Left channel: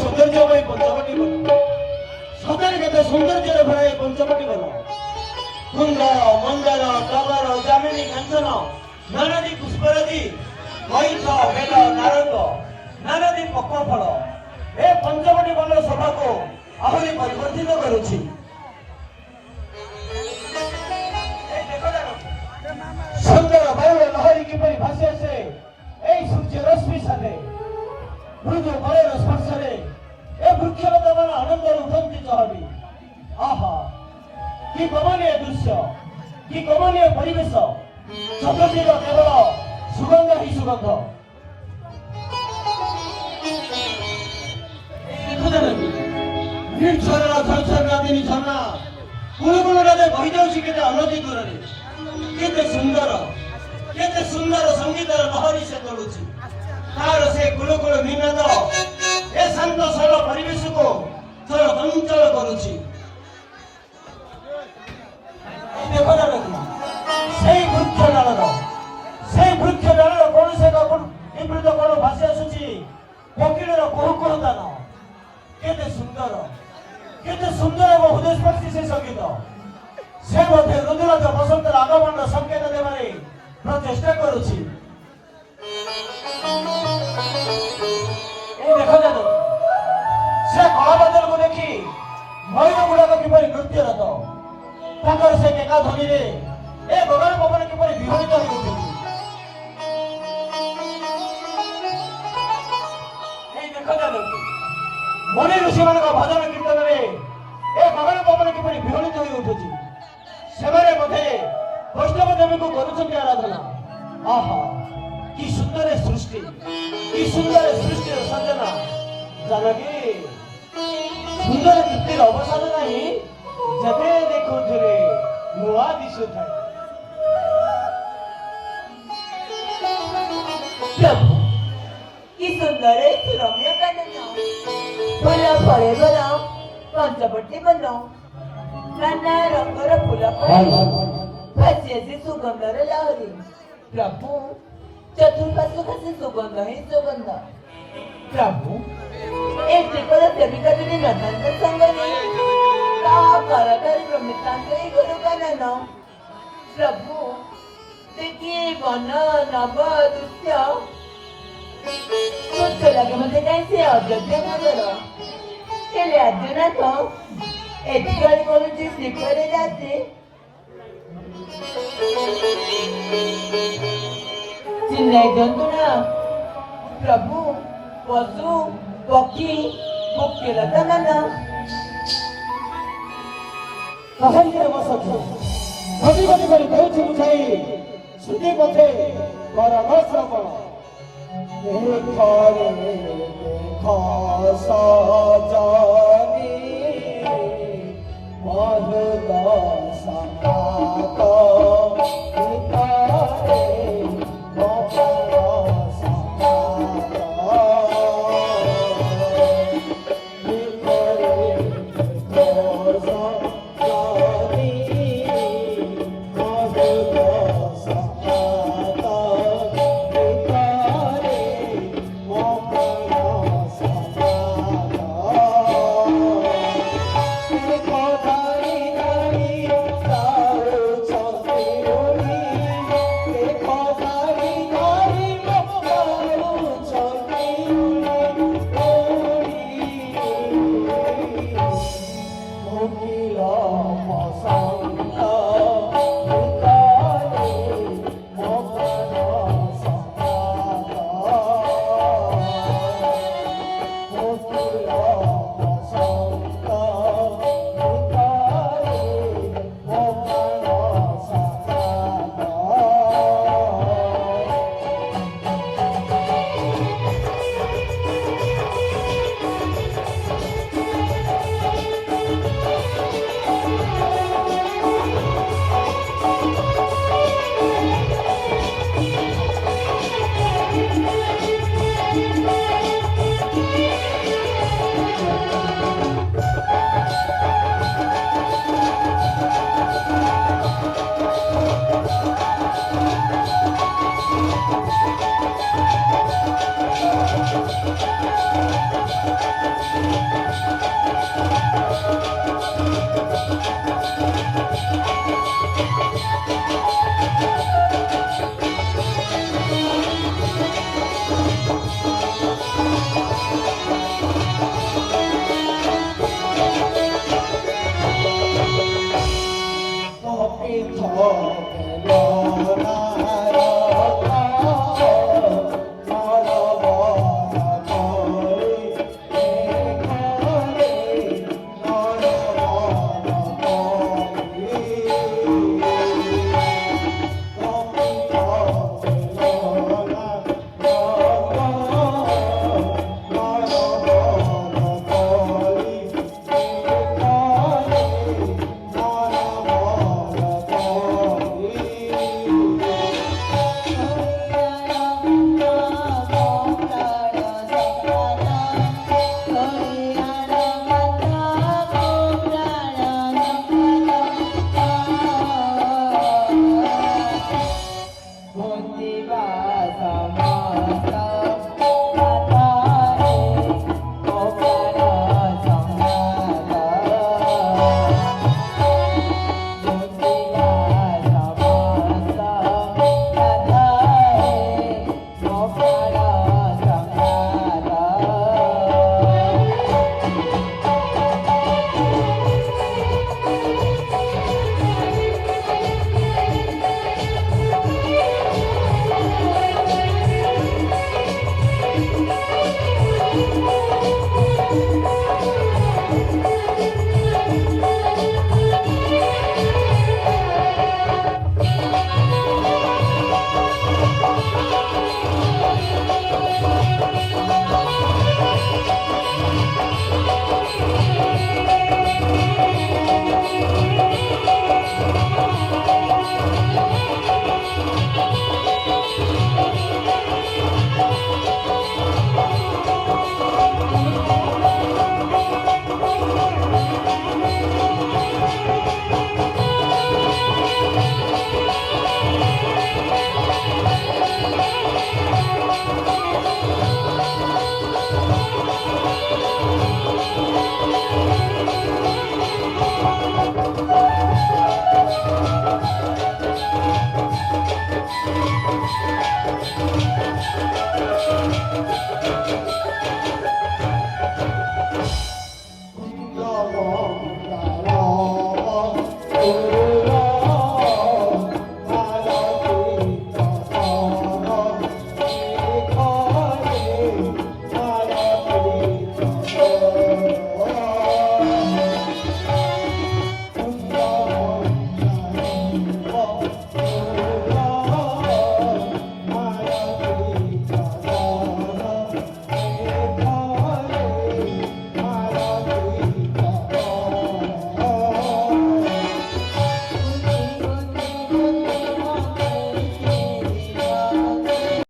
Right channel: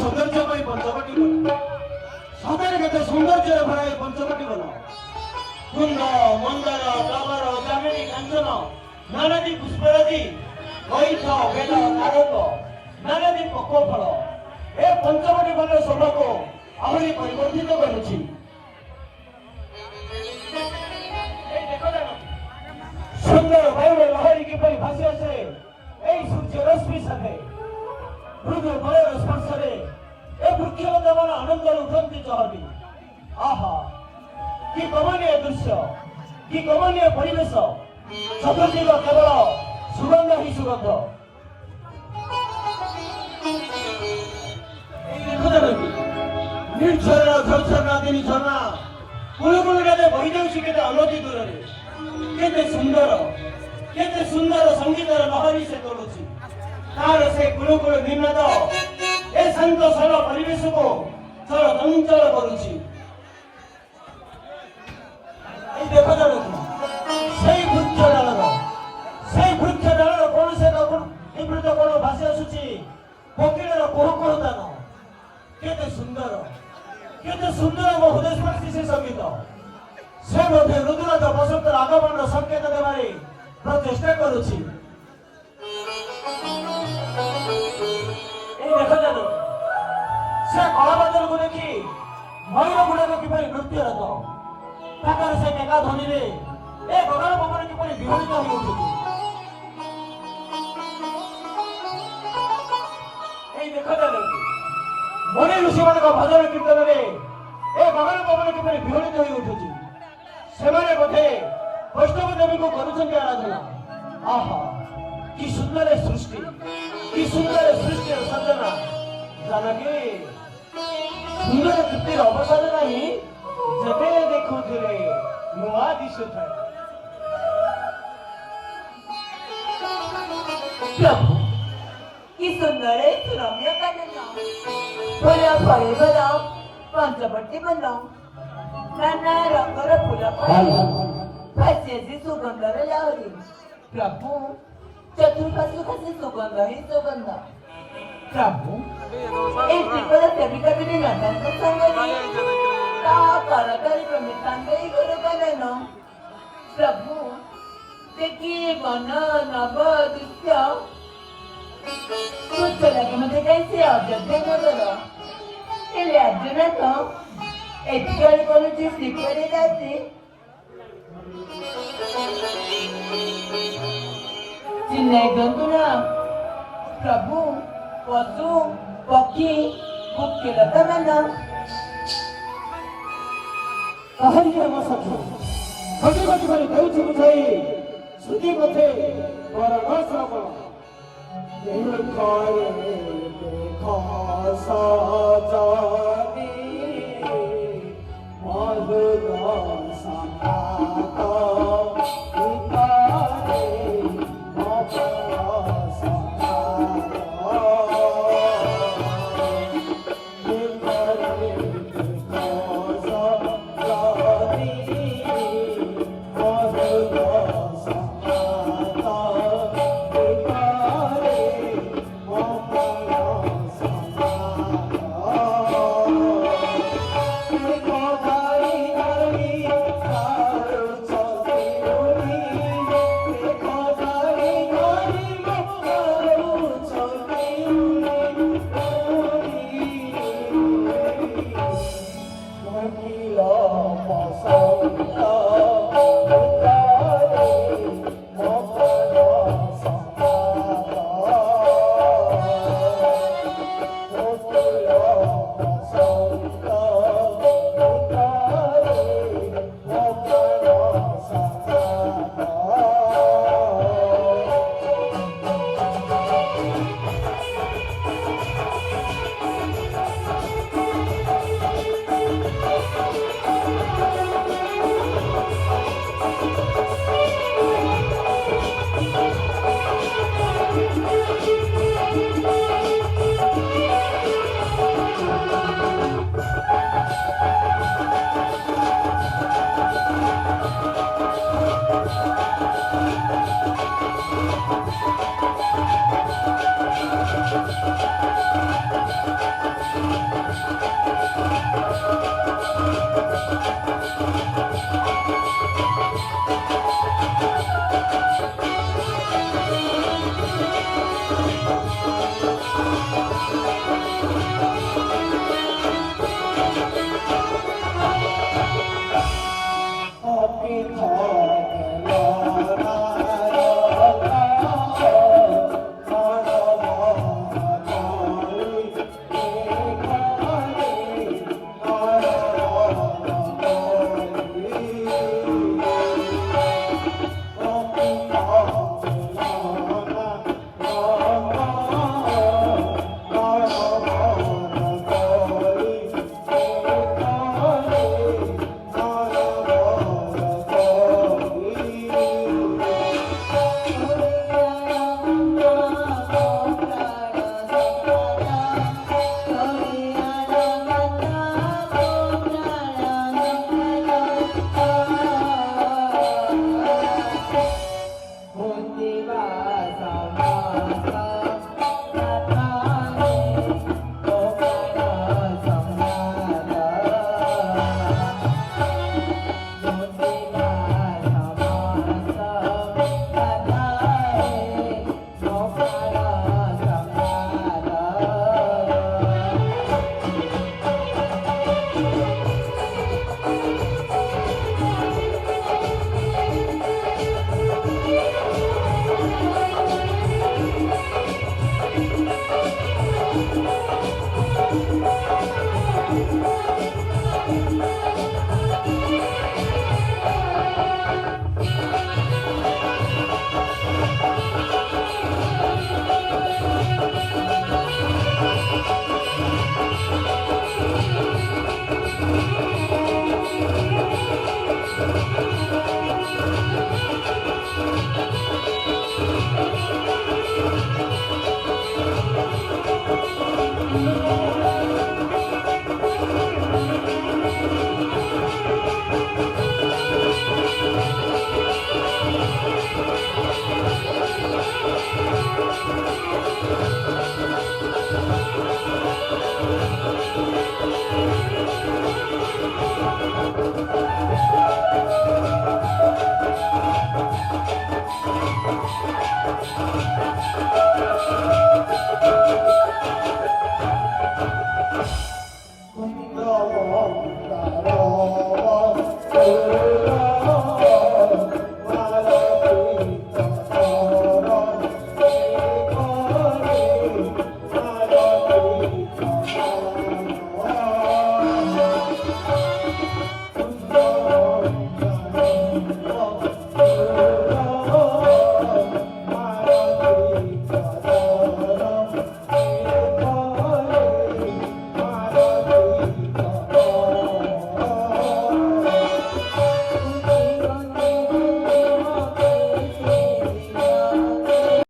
सौंदर्यमय पंचवटी बन सतरे केते सौंदर्य भरा ए पंचवटी बन कुंद मंडल टगर जामिनी कांचन नानादी पुष्परादि कईथ बेल नारंग नानादी पक्वफल ए पंचवटी बन शोभा को आहरी परिवर्तित करुछि। सुंदर वायु लहरी किपरि भासी आसे ए सूर्य रश्मि साथे मृदु बलर स्पर्शरे ए वृक्षलता मान आनंदर उठंती चहटी। आहा कि कमनीय दृश्य कि कमनीय परिवेश चतुर्दिग केवल सुगंध ही सुगंध। निर्झर झरझर नदी झरना कुलकुल नदी बही जाऊँगी केते अनति दूर केते सुंदर संगीत लहरी से तोलुछि तार से कुलकुल निनाद ए शांत सरल परिवेश को थर चंचल करुछि। देखो ना সেই বৃক্ষ ডালর কোন से নিবৃত কোন ভাসি আসুছি কোকিলর কুহুকুহুতান কেতে সুন্দর এবং হৃদয়স্পর্শী সেই সঙ্গীত সে মধ্যে রুদ্রনাথ বসন্তের আগমনর সংকেত দেবারে প্রচেষ্টা করুছি। से कलाबदल को देखी मयूर गुड़ाक किपरि नृत्यरत ताकर से मेघा ध्वनि रे ए गगन पवन किपरि विहरित होई उठुछि। ए देखो दादू मुनि ऋषि मान भजन कीर्तन रे ए गगन पवन किपरि विहरित होई उठुछि सेमाने मध्ये वैष्णव देवी को करुछन्ति आराधना। आहा कि सुंदर सृष्टि सृजना जानकी सुंदर तृप्तिर अवसर नहीं जबे देखुथिले नुआ दिशुथाय। प्रभु कि सुंदर रम्य कानन फुला फळे बना पंचवटी बना नाना रंगर फुला फळे भास्याची सुगंधर लहरी। प्रभु चतुर्पार्श्व खासी सुगंध ही सुगंध। प्रभु एकटीकडे कधी नटांत संगणी का कराकारी प्रमितांतही गुरु कानन। प्रभु ते की वन नव दृश्य पुष्पलकेमध्ये त्यांचे अजड्य नजर केले अर्जुनाथ एतकाळी कोणाची स्वीकारे जाते चिन्ह जंतुना प्रभु पशु पक्षी पक्षीलता माना कहन्ते हम सखी घटी घटी घटी कहछि बुझाई श्रुति पथे परम श्रवण देखरे खासा जानी महगा साका